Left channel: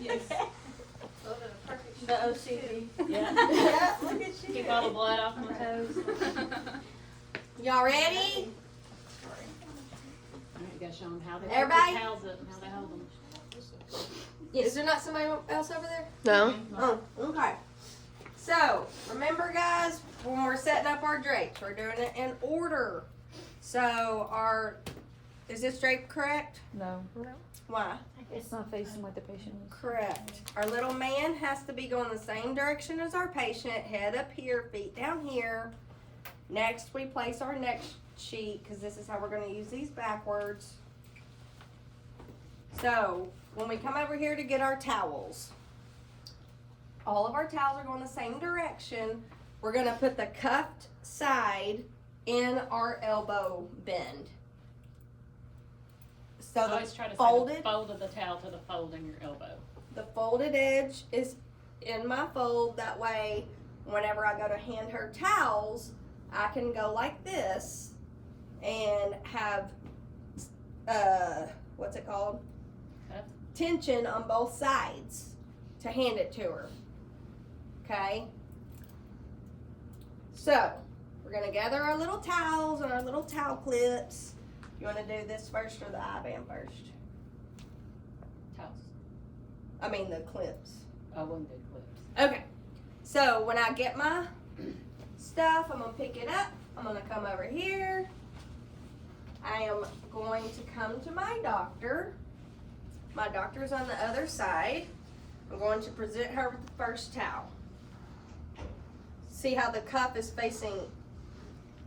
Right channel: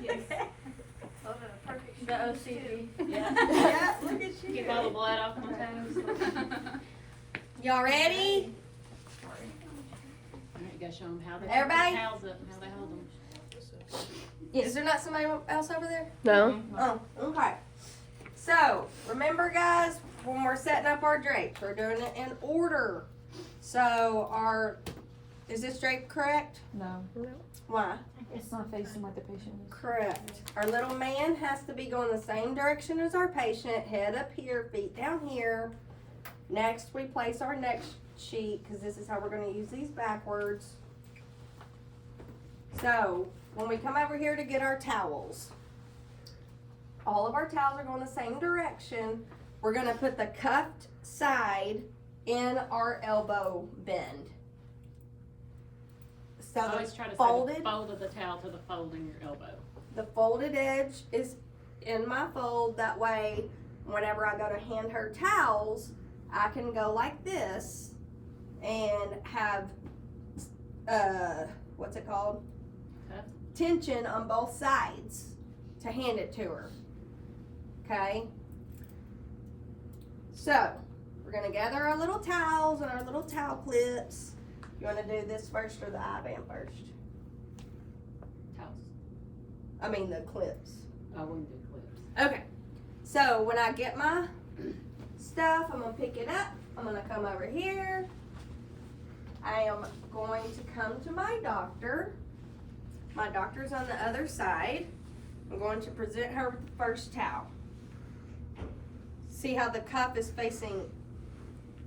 Yes. The OCD. Yeah. Yeah, look at you. Keep all the blood off my toes. Y'all ready? I need to go show them how they Everybody? put the towels up and how they hold them. Is there not somebody else over there? No. Oh, okay. So, remember guys, when we're setting up our drapes, we're doing it in order. So, is this drape correct? No. Why? It's not facing what the patient is. Correct. Our little man has to be going the same direction as our patient, head up here, feet down here. Next, we place our next sheet, because this is how we're going to use these backwards. So, when we come over here to get our towels, all of our towels are going the same direction. We're going to put the cuffed side in our elbow bend. So I always try to say folded, the fold of the towel to the fold in your elbow. the folded edge is in my fold. That way, whenever I go to hand her towels, I can go like this and have, what's it called? Cuff. Tension on both sides to hand it to her. Okay? So, we're gonna gather our little towels and our little towel clips. You wanna do this first or the I-band first? Towels. I mean the clips. I wouldn't do clips. Okay, so when I get my stuff, I'm gonna pick it up. I'm gonna come over here. I am going to come to my doctor. My doctor's on the other side. I'm going to present her with the first towel. See how the cuff is facing?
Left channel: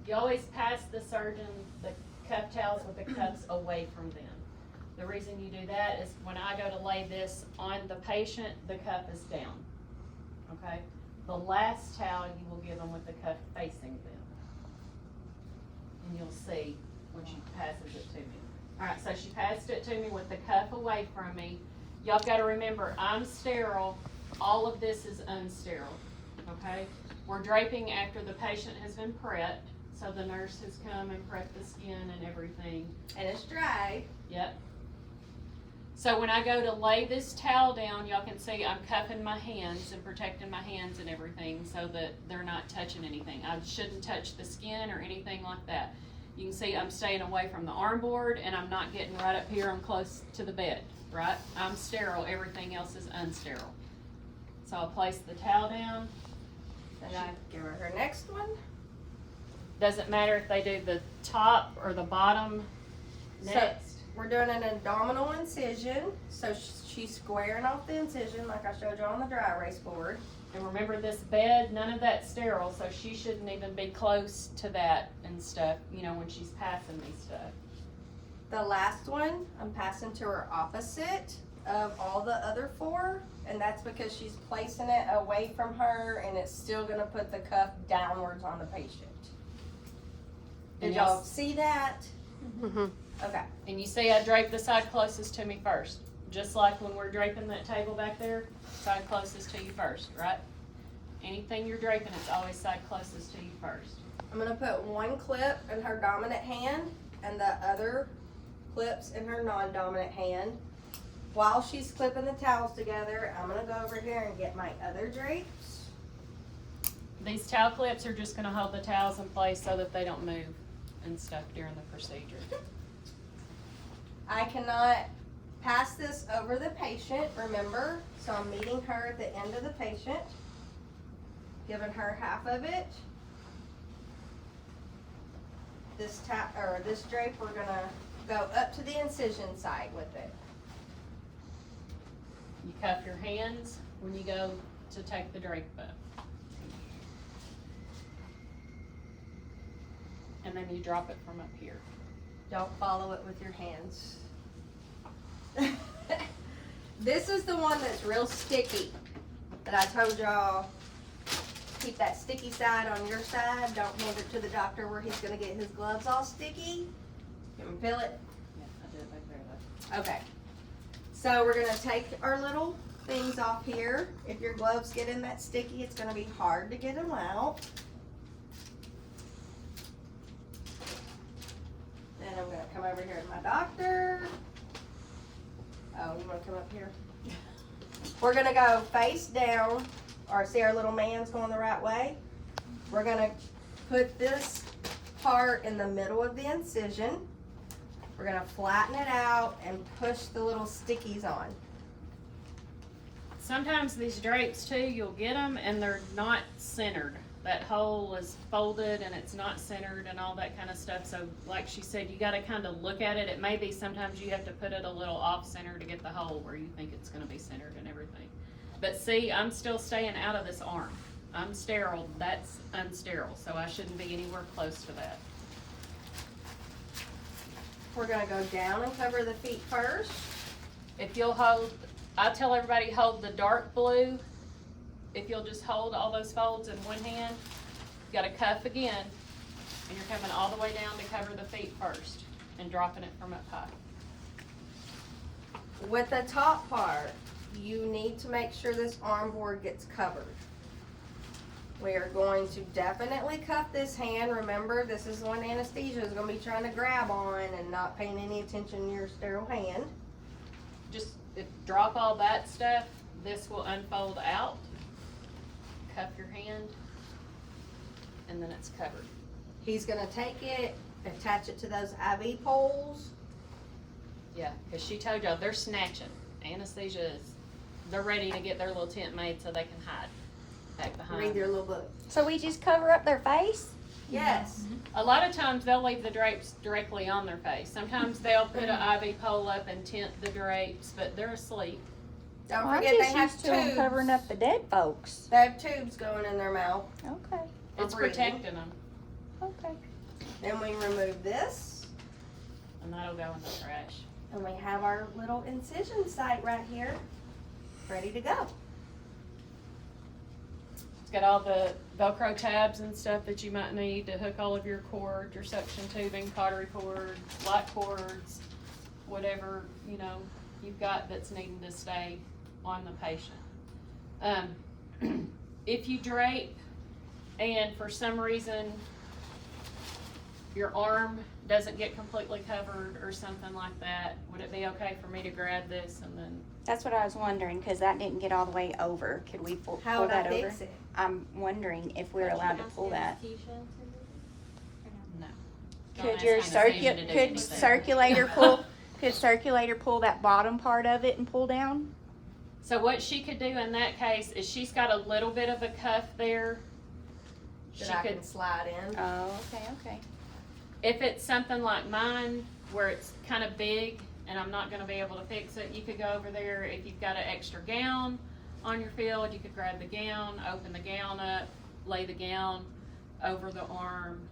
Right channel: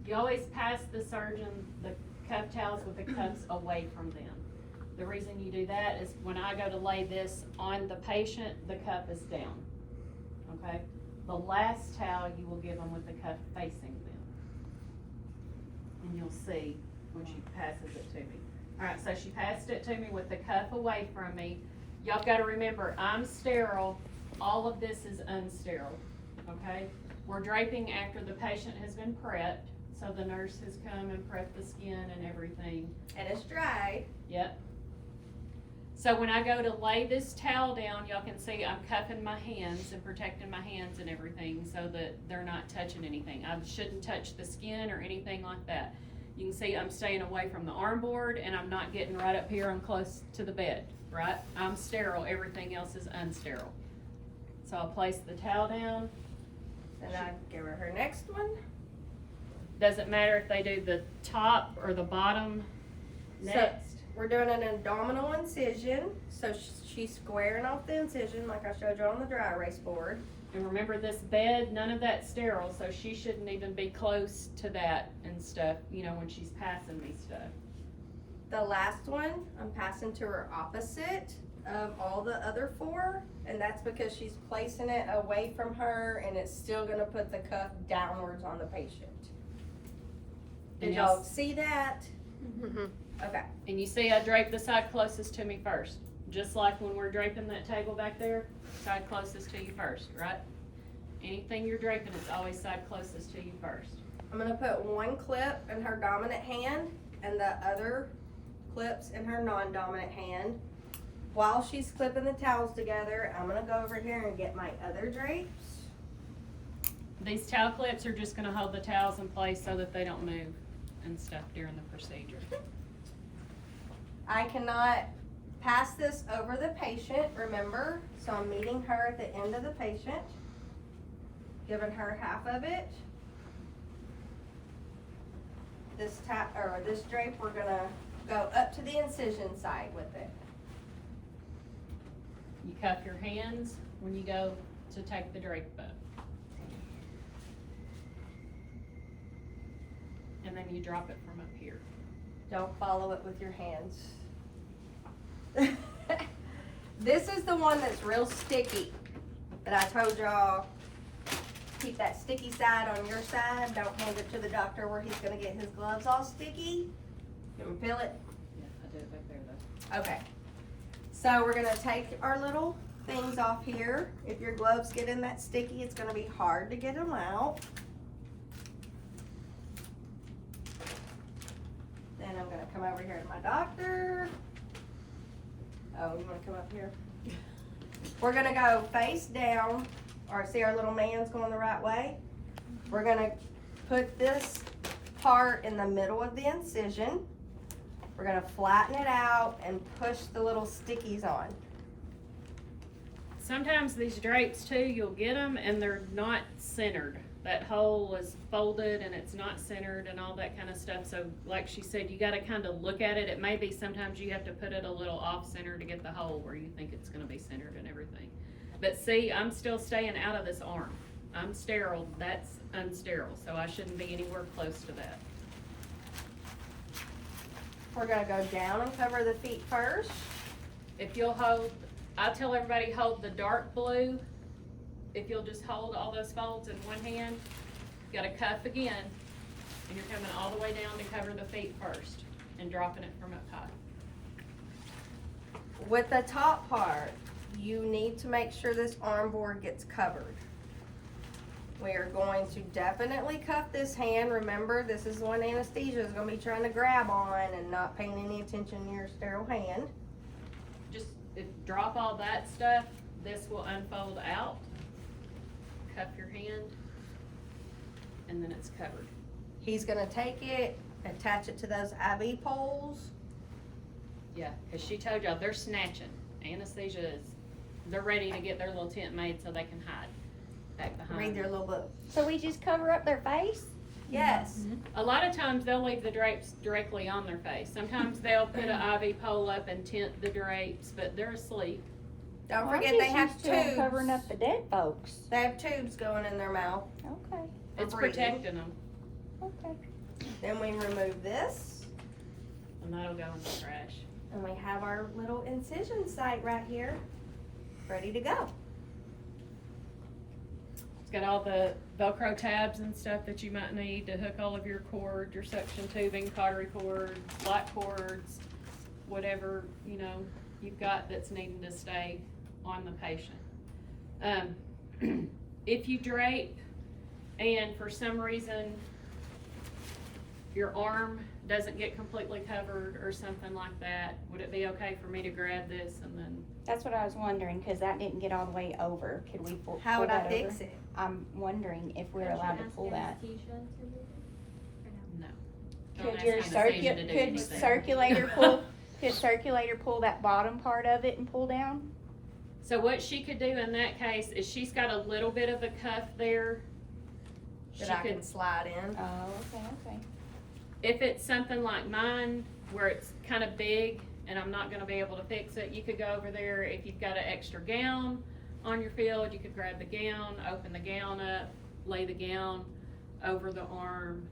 You always pass the surgeon the cuff towels with the cuffs away from them. The reason you do that is when I go to lay this on the patient, the cuff is down. Okay? The last towel you will give them with the cuff facing them. And you'll see when she passes it to me. Alright, so she passed it to me with the cuff away from me. Y'all gotta remember, I'm sterile. All of this is unsterile. Okay? We're draping after the patient has been prepped. So the nurse has come and prepped the skin and everything. And it's dry. Yep. So when I go to lay this towel down, y'all can see I'm cuffing my hands and protecting my hands and everything so that they're not touching anything. I shouldn't touch the skin or anything like that. You can see I'm staying away from the arm board and I'm not getting right up here and close to the bed, right? I'm sterile, everything else is unsterile. So I'll place the towel down. And I give her next one. Doesn't matter if they do the top or the bottom next. We're doing an abdominal incision, so she's squaring off the incision like I showed you on the dry erase board. And remember this bed, none of that's sterile, so she shouldn't even be close to that and stuff, you know, when she's passing me stuff. The last one, I'm passing to her opposite of all the other four, and that's because she's placing it away from her and it's still gonna put the cuff downwards on the patient. Did And y'all yes. see that? Mm-hmm. Okay. And you see I drape the side closest to me first. Just like when we're draping that table back there, side closest to you first, right? Anything you're draping, it's always side closest to you first. I'm gonna put one clip in her dominant hand and the other clips in her non-dominant hand. While she's clipping the towels together, I'm gonna go over here and get my other drapes. These towel clips are just gonna hold the towels in place so that they don't move and stuff during the procedure. I cannot pass this over the patient, remember? So I'm meeting her at the end of the patient, giving her half of it. This drape, we're gonna go up to the incision side with it. You cuff your hands when you go to take the drape up. And then you drop it from up here. Don't follow it with your hands. This is the one that's real sticky that I told y'all, keep that sticky side on your side. Don't hand it to the doctor where he's gonna get his gloves all sticky. You can feel it? Yeah, I did it back there though. Okay. So we're gonna take our little things off here. If your gloves get in that sticky, it's gonna be hard to get them out. Then I'm gonna come over here to my doctor. Oh, you wanna come up here? We're gonna go face down, or see our little man's going the right way. We're gonna put this part in the middle of the incision. We're gonna flatten it out and push the little stickies on. Sometimes these drapes too, you'll get them and they're not centered. That hole is folded and it's not centered and all that kind of stuff. So like she said, you gotta kind of look at it. It may be sometimes you have to put it a little off center to get the hole where you think it's gonna be centered and everything. But see, I'm still staying out of this arm. I'm sterile, that's unsterile, so I shouldn't be anywhere close to that. We're gonna go down and cover the feet first. If you'll hold, I tell everybody hold the dark blue. If you'll just hold all those folds in one hand, you gotta cuff again, and you're coming all the way down to cover the feet first and dropping it from up high. With the top part, you need to make sure this arm board gets covered. We are going to definitely cuff this hand. Remember, this is when anesthesia is going to be trying to grab on and not paying any attention to your sterile hand. Just drop all that stuff. This will unfold out. Cuff your hand, and then it's covered. He's going to take it, attach it to those IV poles. Yeah, because she told y'all they're snatching. Anesthesia is, they're ready to get their little tent made so they can hide back behind. Read their little book. So we just cover up their face? Yes. A lot of times they'll leave the drapes directly on their face. Sometimes they'll put an IV pole up and tent the drapes, but they're asleep. Don't forget they have tubes. Covering up the dead folks. They have tubes going in their mouth. Okay. It's breathing. protecting them, Okay. Then we remove this, and that'll go in the trash. and we have our little incision site right here, ready to go. It's got all the Velcro tabs and stuff that you might need to hook all of your cord, your suction tubing, cautery cord, light cords, whatever, you know, you've got that's needing to stay on the patient. If you drape and for some reason your arm doesn't get completely covered or something like that, would it be okay for me to grab this and then? That's what I was wondering, because that didn't get all the way over. Could we pull How would I that fix over? it? I'm wondering if we're allowed to pull that. No. Could Don't your ask anesthesia to do could anything. circulator pull that bottom part of it and pull down? So what she could do in that case is she's got a little bit of a cuff there. That I can slide in. Oh, okay. If it's something like mine, where it's kind of big and I'm not gonna be able to fix it, you could go over there. If you've got an extra gown on your field, you could grab the gown, open the gown up, lay the gown over the arm.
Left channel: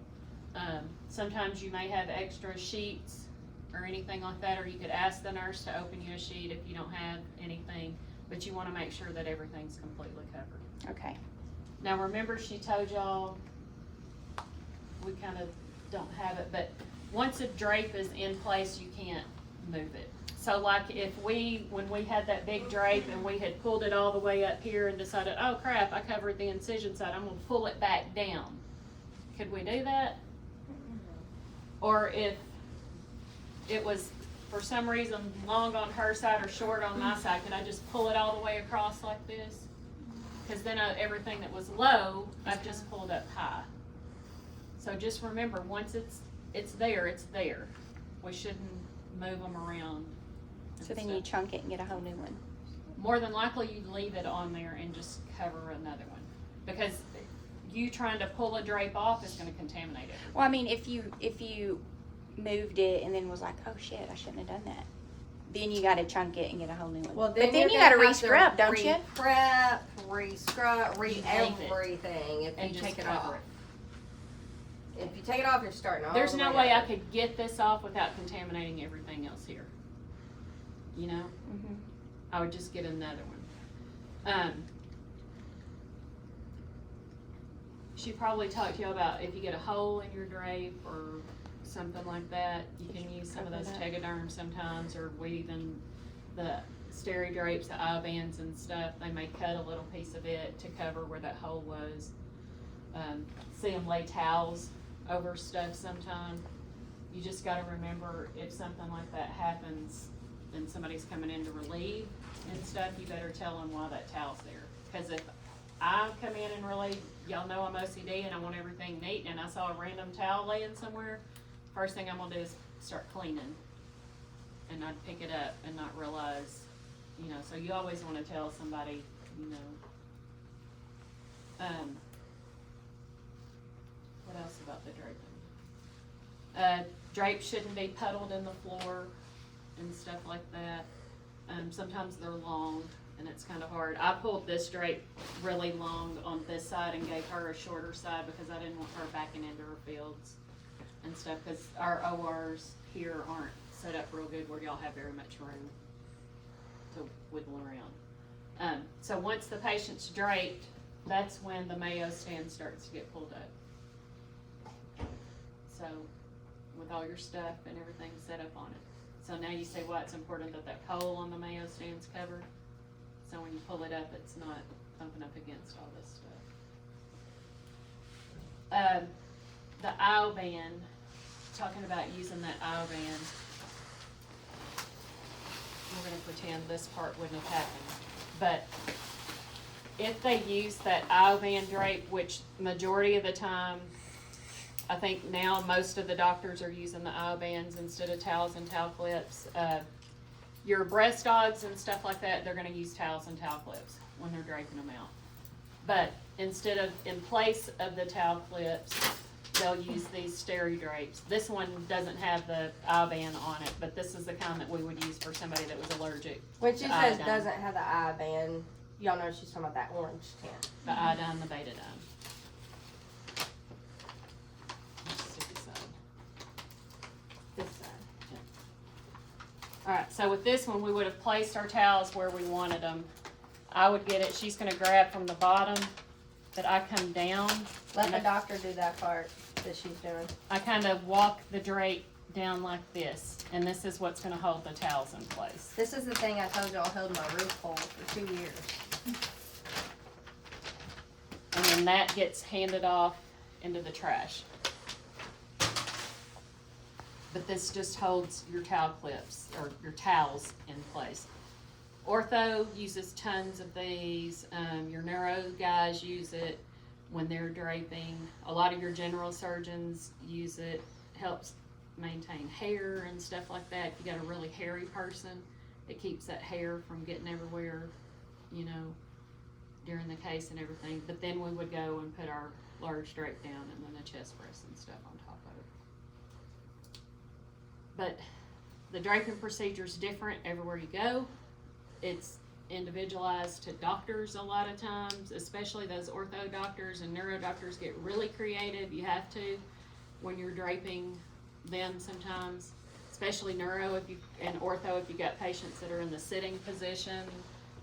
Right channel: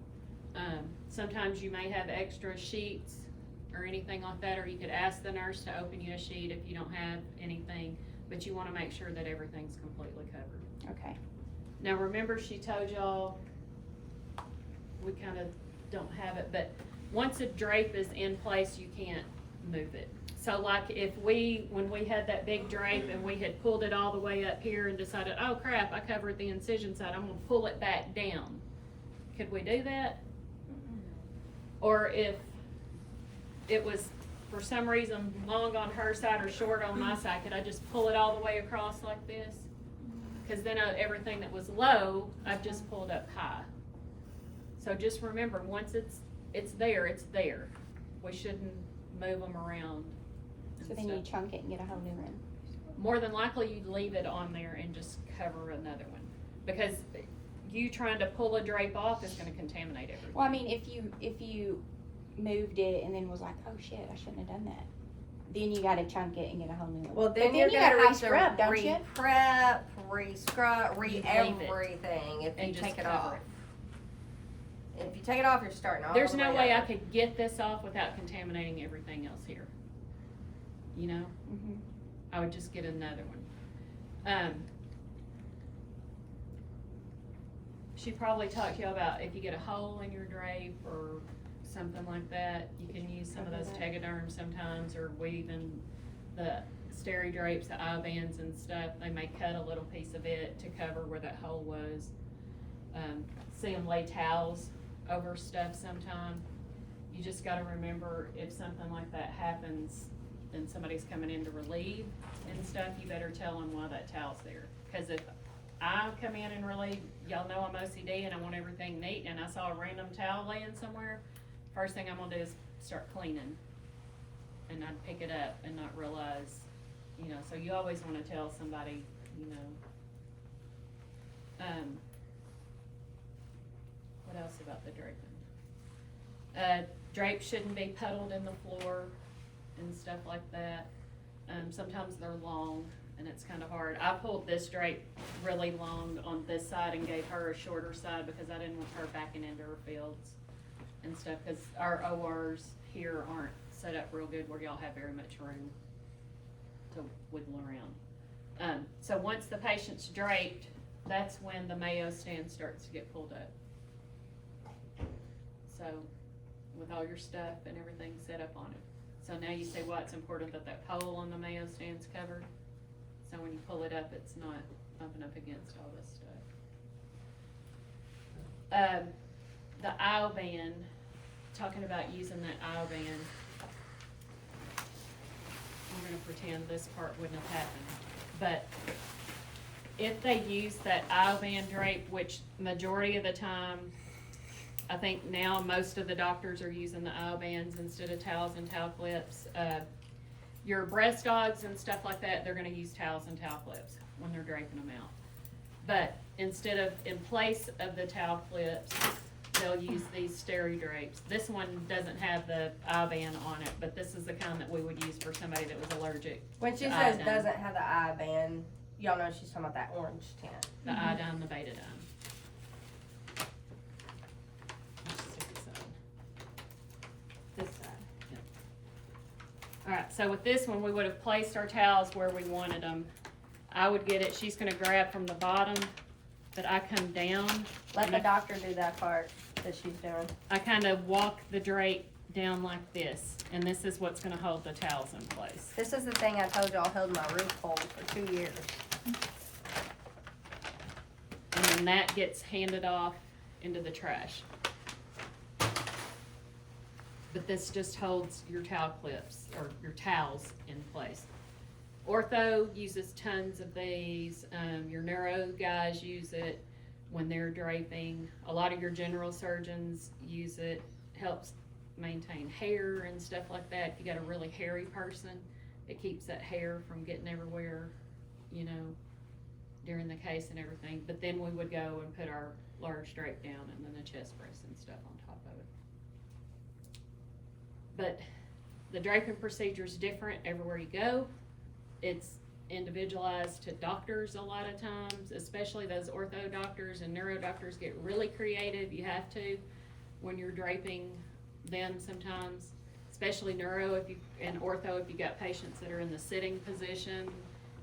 Sometimes you may have extra sheets or anything like that, or you could ask the nurse to open you a sheet if you don't have anything, but you wanna make sure that everything's completely covered. Okay. Now remember, she told y'all, we kind of don't have it, but once a drape is in place, you can't move it. So like when we had that big drape and we had pulled it all the way up here and decided, oh crap, I covered the incision side, I'm gonna pull it back down. Could we do that? Or if it was for some reason long on her side or short on my side, could I just pull it all the way across like this? Cause then everything that was low, I've just pulled up high. So just remember, once it's there, it's there. We shouldn't move them around. and So then stuff. you chunk it and get a whole new one. More than likely, you'd leave it on there and just cover another one. Because you trying to pull a drape off is gonna contaminate everything. Well, I mean, if you moved it and then was like, oh shit, I shouldn't have done that, then you gotta chunk it and get a whole new one. Well, then But then you're you gonna gotta have to re-scrub, don't you? Re-prep, re-scrub, leave it re-everything if and you just take it cover off. If you take it off, you're starting all There's the no way way I over. could get this off without contaminating everything else here. You know? Mhm. I would just get another one. She probably talked to you about if you get a hole in your drape or something like that, you can use some of those tegaderms sometimes, or weaving the steri drapes, the eye bands and stuff. They may cut a little piece of it to cover where that hole was. See them lay towels over stuff sometime. You just gotta remember, if something like that happens, then somebody's coming in to relieve and stuff, you better tell them why that towel's there. Cause if I come in and relieve, y'all know I'm OCD and I want everything neat, and I saw a random towel laying somewhere, first thing I'm gonna do is start cleaning. And I'd pick it up and not realize, you know, so you always wanna tell somebody, you know. What else about the draping? Drapes shouldn't be puddled in the floor and stuff like that. Sometimes they're long and it's kind of hard. I pulled this drape really long on this side and gave her a shorter side because I didn't want her backing into her fields and stuff, cause our ORs here aren't set up real good where y'all have very much room to wiggle around. So once the patient's draped, that's when the Mayo stand starts to get pulled up. So, with all your stuff and everything set up on it. So now you see why it's important that that pole on the Mayo stand's covered. So when you pull it up, it's not bumping up against all this stuff. The aisle band, talking about using that aisle band. I'm gonna pretend this part wouldn't have happened, but if they use that aisle band drape, which majority of the time, I think now most of the doctors are using the aisle bands instead of towels and towel clips. Your breast dogs and stuff like that, they're gonna use towels and towel clips when they're draping them out. But instead of, in place of the towel clips, they'll use these steri drapes. This one doesn't have the aisle band on it, but this is the kind that we would use for somebody that was allergic. When she to says iodine. doesn't have the eye band, y'all know she's talking about that orange tint. The iodine, the betadine. Stick this on. This side. Alright, so with this one, we would have placed our towels where we wanted them. I would get it, she's gonna grab from the bottom, but I come down. Let the doctor do that part that she's doing. I kinda walk the drape down like this, and this is what's gonna hold the towels in place. This is the thing I told y'all held my roof pole for 2 years. And then that gets handed off into the trash. But this just holds your towel clips, or your towels in place. Ortho uses tons of these, your neuro guys use it when they're draping. A lot of your general surgeons use it, helps maintain hair and stuff like that. If you got a really hairy person, it keeps that hair from getting everywhere, you know, during the case and everything. But then we would go and put our large drape down and then the chest brace and stuff on top of it. But the draping procedure is different everywhere you go. It's individualized to doctors a lot of times, especially those ortho doctors and neuro doctors get really creative. You have to when you're draping them sometimes, especially neuro and ortho if you got patients that are in the sitting position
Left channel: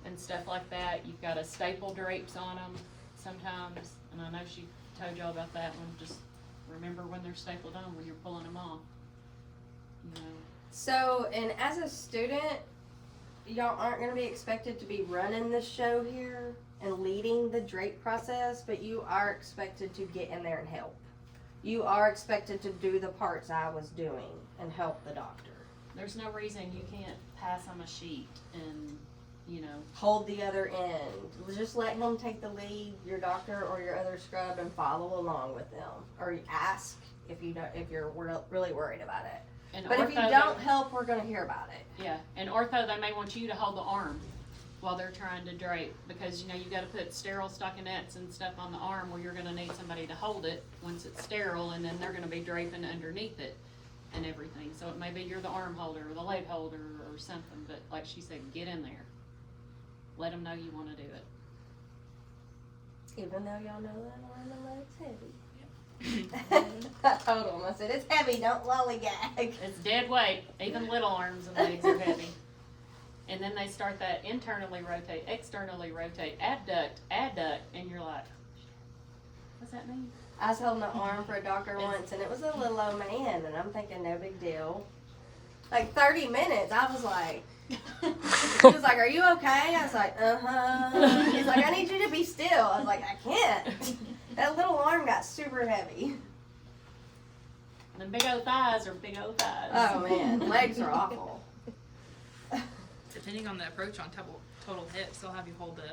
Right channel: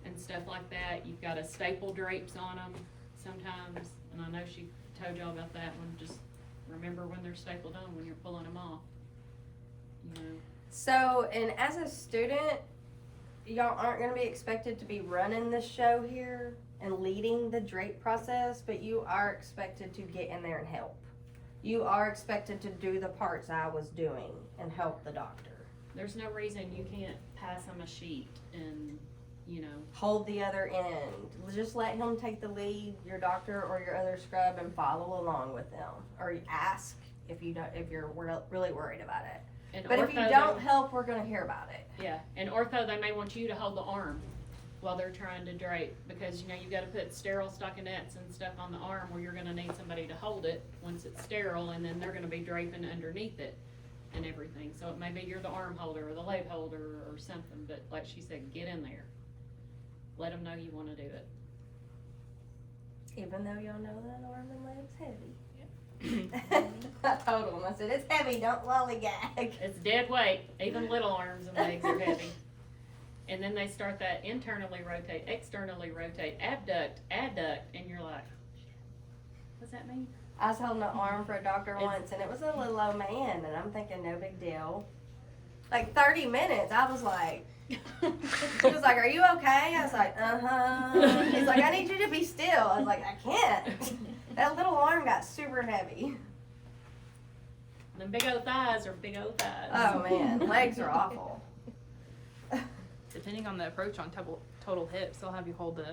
and stuff like that. You've got to staple drapes on them sometimes, and I know she told y'all about that one. Just remember when they're stapled on when you're pulling them off, you know. So, and as a student, y'all aren't going to be expected to be running the show here and leading the drape process, but you are expected to get in there and help. You are expected to do the parts I was doing and help the doctor. There's no reason you can't pass them a sheet and, you know. Hold the other end. Just let him take the lead, your doctor or your other scrub, and follow along with them. Or ask if you're really worried about it. And But if you ortho, don't help, we're going to hear about it. yeah, and ortho, they may want you to hold the arm while they're trying to drape, because you know you got to put sterile stockinettes and stuff on the arm where you're going to need somebody to hold it once it's sterile, and then they're going to be draping underneath it and everything. So it may be you're the arm holder or the leg holder or something, but like she said, get in there. Let them know you want to do it. Even though y'all know that arm and leg's heavy. I told him, I said, it's heavy, don't lollygag. It's dead weight. Even little arms and legs are heavy. And then they start that internally rotate, externally rotate, adduct, and you're like, what's that mean? I was holding an arm for a doctor once, and it was a little old man, and I'm thinking, no big deal. Like 30 minutes, I was like, he was like, are you okay? I was like, uh-huh. He's like, I need you to be still. I was like, I can't. That little arm got super heavy. And the big old thighs are big old thighs. Oh man, legs are awful. depending on the approach on total hips, they'll have you hold the